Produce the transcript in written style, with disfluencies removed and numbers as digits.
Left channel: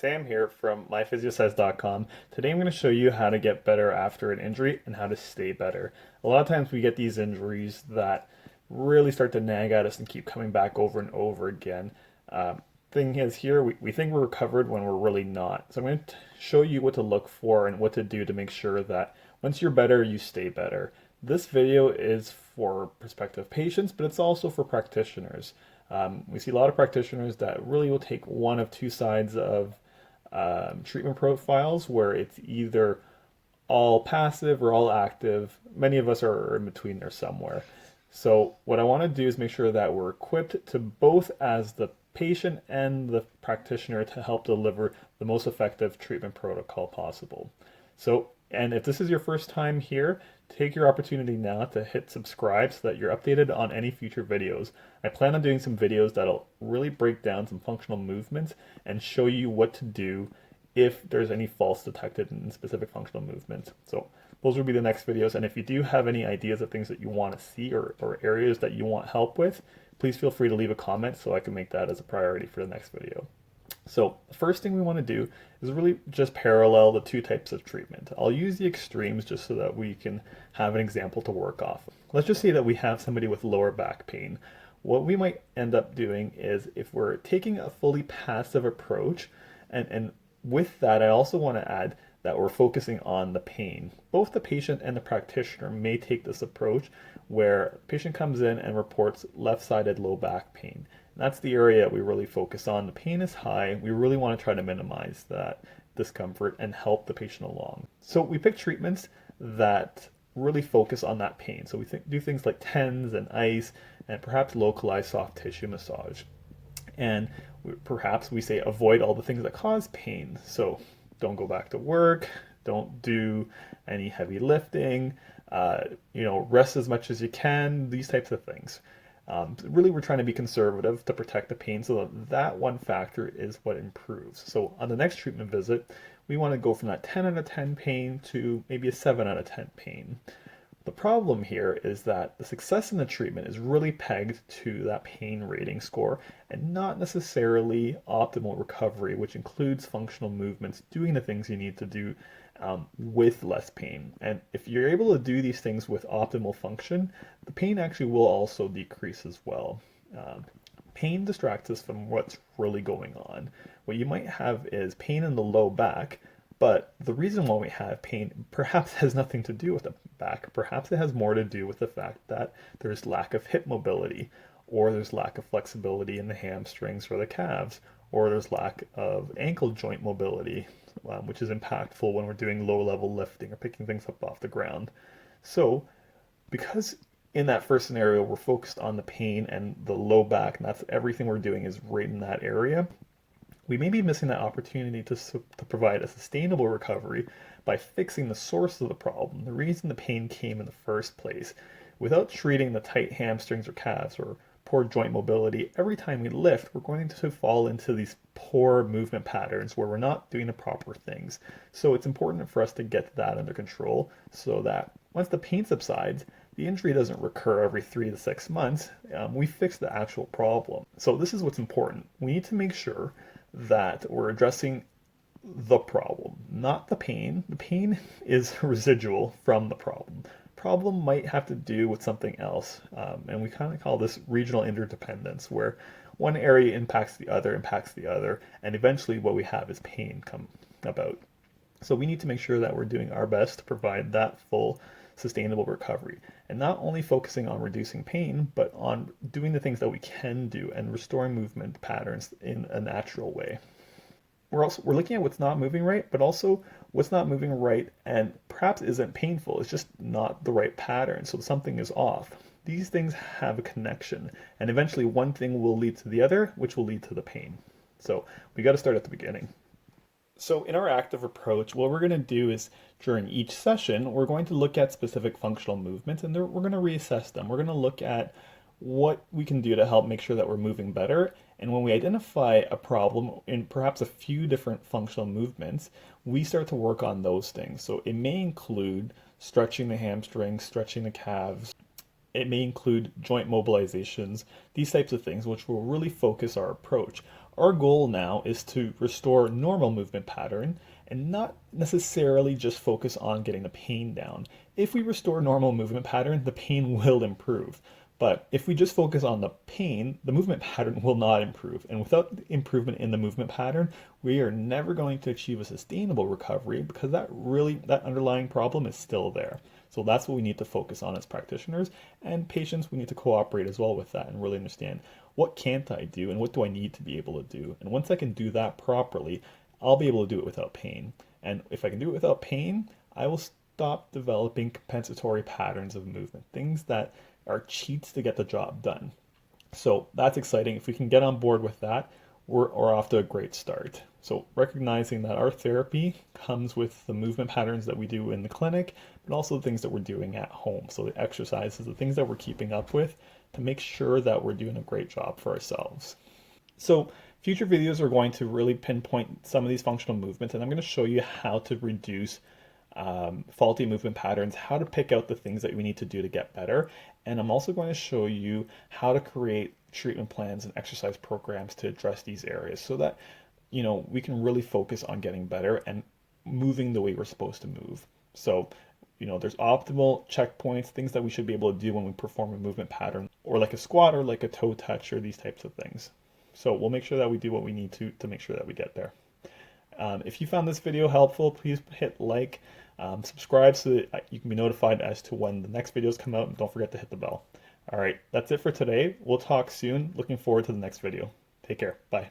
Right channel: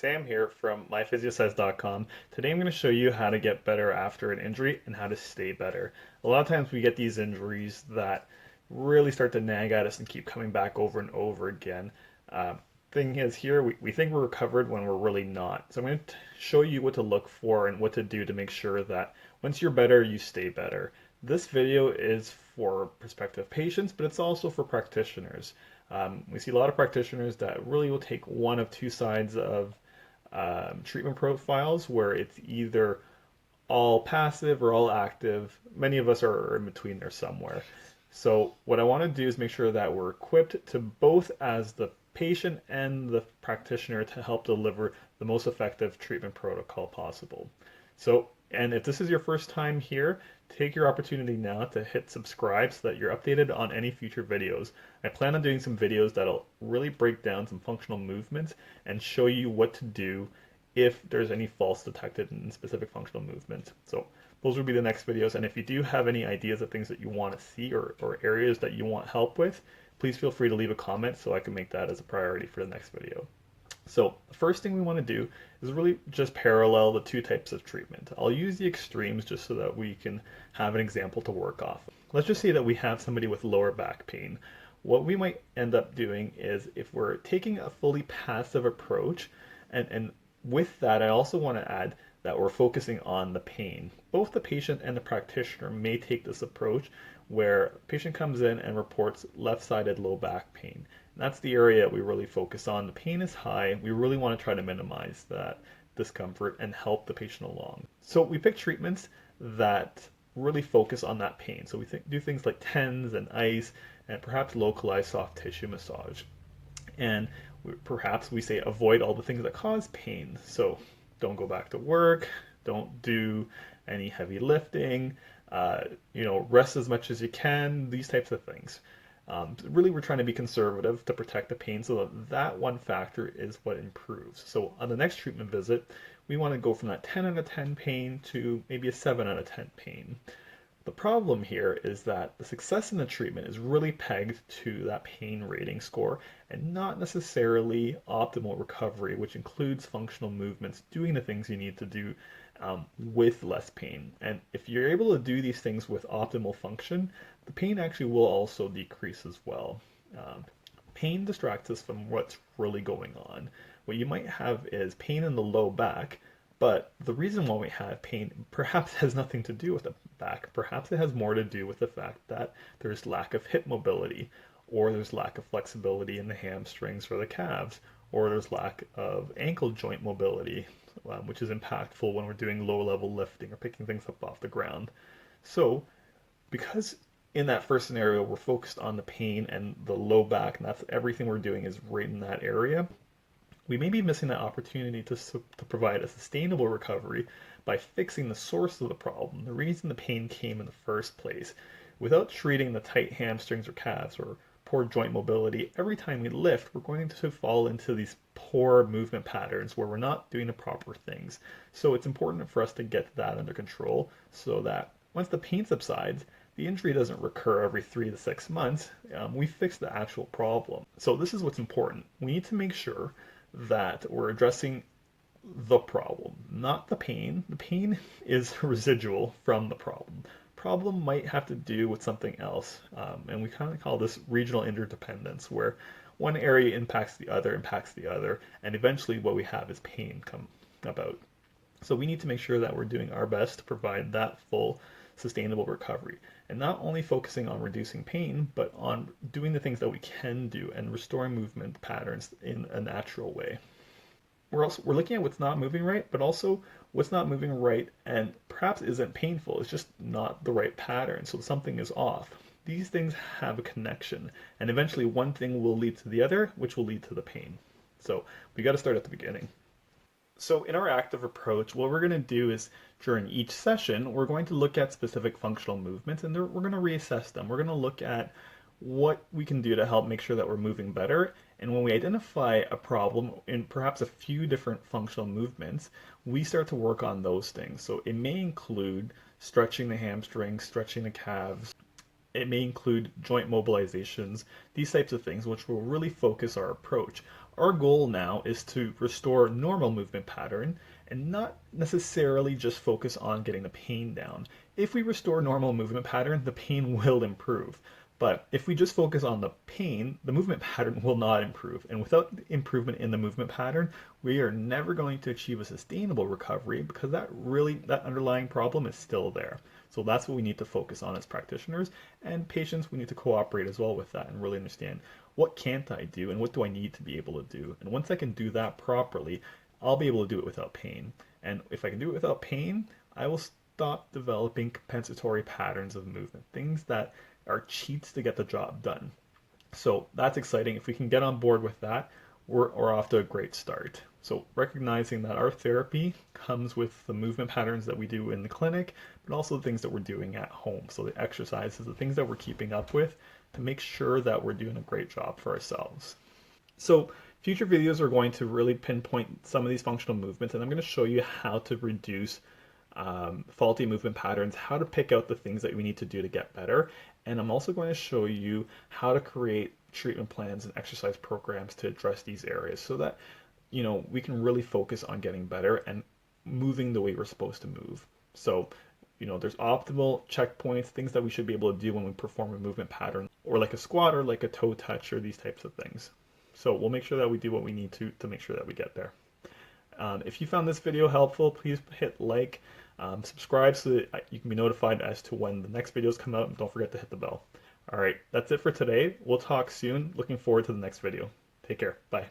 Sam here from myphysiotherapy.com. Today I'm going to show you how to get better after an injury and how to stay better. A lot of times we get these injuries that really start to nag at us and keep coming back over and over again. Uh, Thing is here, we think we're recovered when we're really not. So I'm going to show you what to look for and what to do to make sure that once you're better, you stay better. This video is for prospective patients, but it's also for practitioners. We see a lot of practitioners that really will take one of two sides of treatment profiles where it's either all passive or all active. Many of us are in between there somewhere. So what I want to do is make sure that we're equipped to both as the patient and the practitioner to help deliver the most effective treatment protocol possible. So, and if this is your first time here, take your opportunity now to hit subscribe so that you're updated on any future videos. I plan on doing some videos that'll really break down some functional movements and show you what to do if there's any faults detected in specific functional movements. So those will be the next videos. And if you do have any ideas of things that you want to see or areas that you want help with, please feel free to leave a comment so I can make that as a priority for the next video. So the first thing we want to do is really just parallel the two types of treatment. I'll use the extremes just so that we can have an example to work off. Let's just say that we have somebody with lower back pain. What we might end up doing is if we're taking a fully passive approach, and with that I also want to add that we're focusing on the pain. Both the patient and the practitioner may take this approach where the patient comes in and reports left-sided low back pain. That's the area we really focus on. The pain is high. We really want to try to minimize that discomfort and help the patient along. So we pick treatments that really focus on that pain. So we do things like TENS and ice and perhaps localized soft tissue massage. And perhaps we say avoid all the things that cause pain. So don't go back to work, don't do any heavy lifting, rest as much as you can, these types of things. Really, we're trying to be conservative to protect the pain so that one factor is what improves. So on the next treatment visit, we want to go from that 10 out of 10 pain to maybe a 7 out of 10 pain. The problem here is that the success in the treatment is really pegged to that pain rating score and not necessarily optimal recovery, which includes functional movements, doing the things you need to do with less pain. And if you're able to do these things with optimal function, the pain actually will also decrease as well. Pain distracts us from what's really going on. What you might have is pain in the low back, but the reason why we have pain perhaps has nothing to do with the back. Perhaps it has more to do with the fact that there's lack of hip mobility, or there's lack of flexibility in the hamstrings or the calves, or there's lack of ankle joint mobility, which is impactful when we're doing low-level lifting or picking things up off the ground. So because in that first scenario we're focused on the pain and the low back, and that's everything we're doing is right in that area, we may be missing that opportunity to provide a sustainable recovery by fixing the source of the problem, the reason the pain came in the first place. Without treating the tight hamstrings or calves or poor joint mobility, every time we lift, we're going to fall into these poor movement patterns where we're not doing the proper things. So it's important for us to get that under control so that once the pain subsides, the injury doesn't recur every 3 to 6 months. We fix the actual problem. So this is what's important. We need to make sure that we're addressing the problem, not the pain. The pain is residual from the problem. Problem might have to do with something else, and we kind of call this regional interdependence, where one area impacts the other, and eventually what we have is pain come about. So we need to make sure that we're doing our best to provide that full sustainable recovery, and not only focusing on reducing pain, but on doing the things that we can do and restoring movement patterns in a natural way. We're looking at what's not moving right, but also what's not moving right and perhaps isn't painful. It's just not the right pattern, so something is off. These things have a connection, and eventually one thing will lead to the other, which will lead to the pain. So we got to start at the beginning. So in our active approach, what we're going to do is during each session, we're going to look at specific functional movements and we're going to reassess them. We're going to look at what we can do to help make sure that we're moving better. And when we identify a problem in perhaps a few different functional movements, we start to work on those things. So it may include stretching the hamstrings, stretching the calves. It may include joint mobilizations, these types of things, which will really focus our approach. Our goal now is to restore normal movement pattern and not necessarily just focus on getting the pain down. If we restore normal movement pattern, the pain will improve. But if we just focus on the pain, the movement pattern will not improve. And without improvement in the movement pattern, we are never going to achieve a sustainable recovery because that underlying problem is still there. So that's what we need to focus on as practitioners, and patients, we need to cooperate as well with that and really understand what can't I do and what do I need to be able to do. And once I can do that properly, I'll be able to do it without pain. And if I can do it without pain, I will stop developing compensatory patterns of movement, things that are cheats to get the job done. So that's exciting. If we can get on board with that, we're off to a great start. So recognizing that our therapy comes with the movement patterns that we do in the clinic, but also the things that we're doing at home. So the exercises, the things that we're keeping up with to make sure that we're doing a great job for ourselves. So future videos are going to really pinpoint some of these functional movements, and I'm going to show you how to reduce faulty movement patterns, how to pick out the things that we need to do to get better. And I'm also going to show you how to create treatment plans and exercise programs to address these areas so that, we can really focus on getting better and moving the way we're supposed to move. So, there's optimal checkpoints, things that we should be able to do when we perform a movement pattern, or like a squat or like a toe touch or these types of things. So we'll make sure that we do what we need to make sure that we get there. If you found this video helpful, please hit like, subscribe so that you can be notified as to when the next videos come out, and don't forget to hit the bell. All right, that's it for today. We'll talk soon. Looking forward to the next video. Take care. Bye.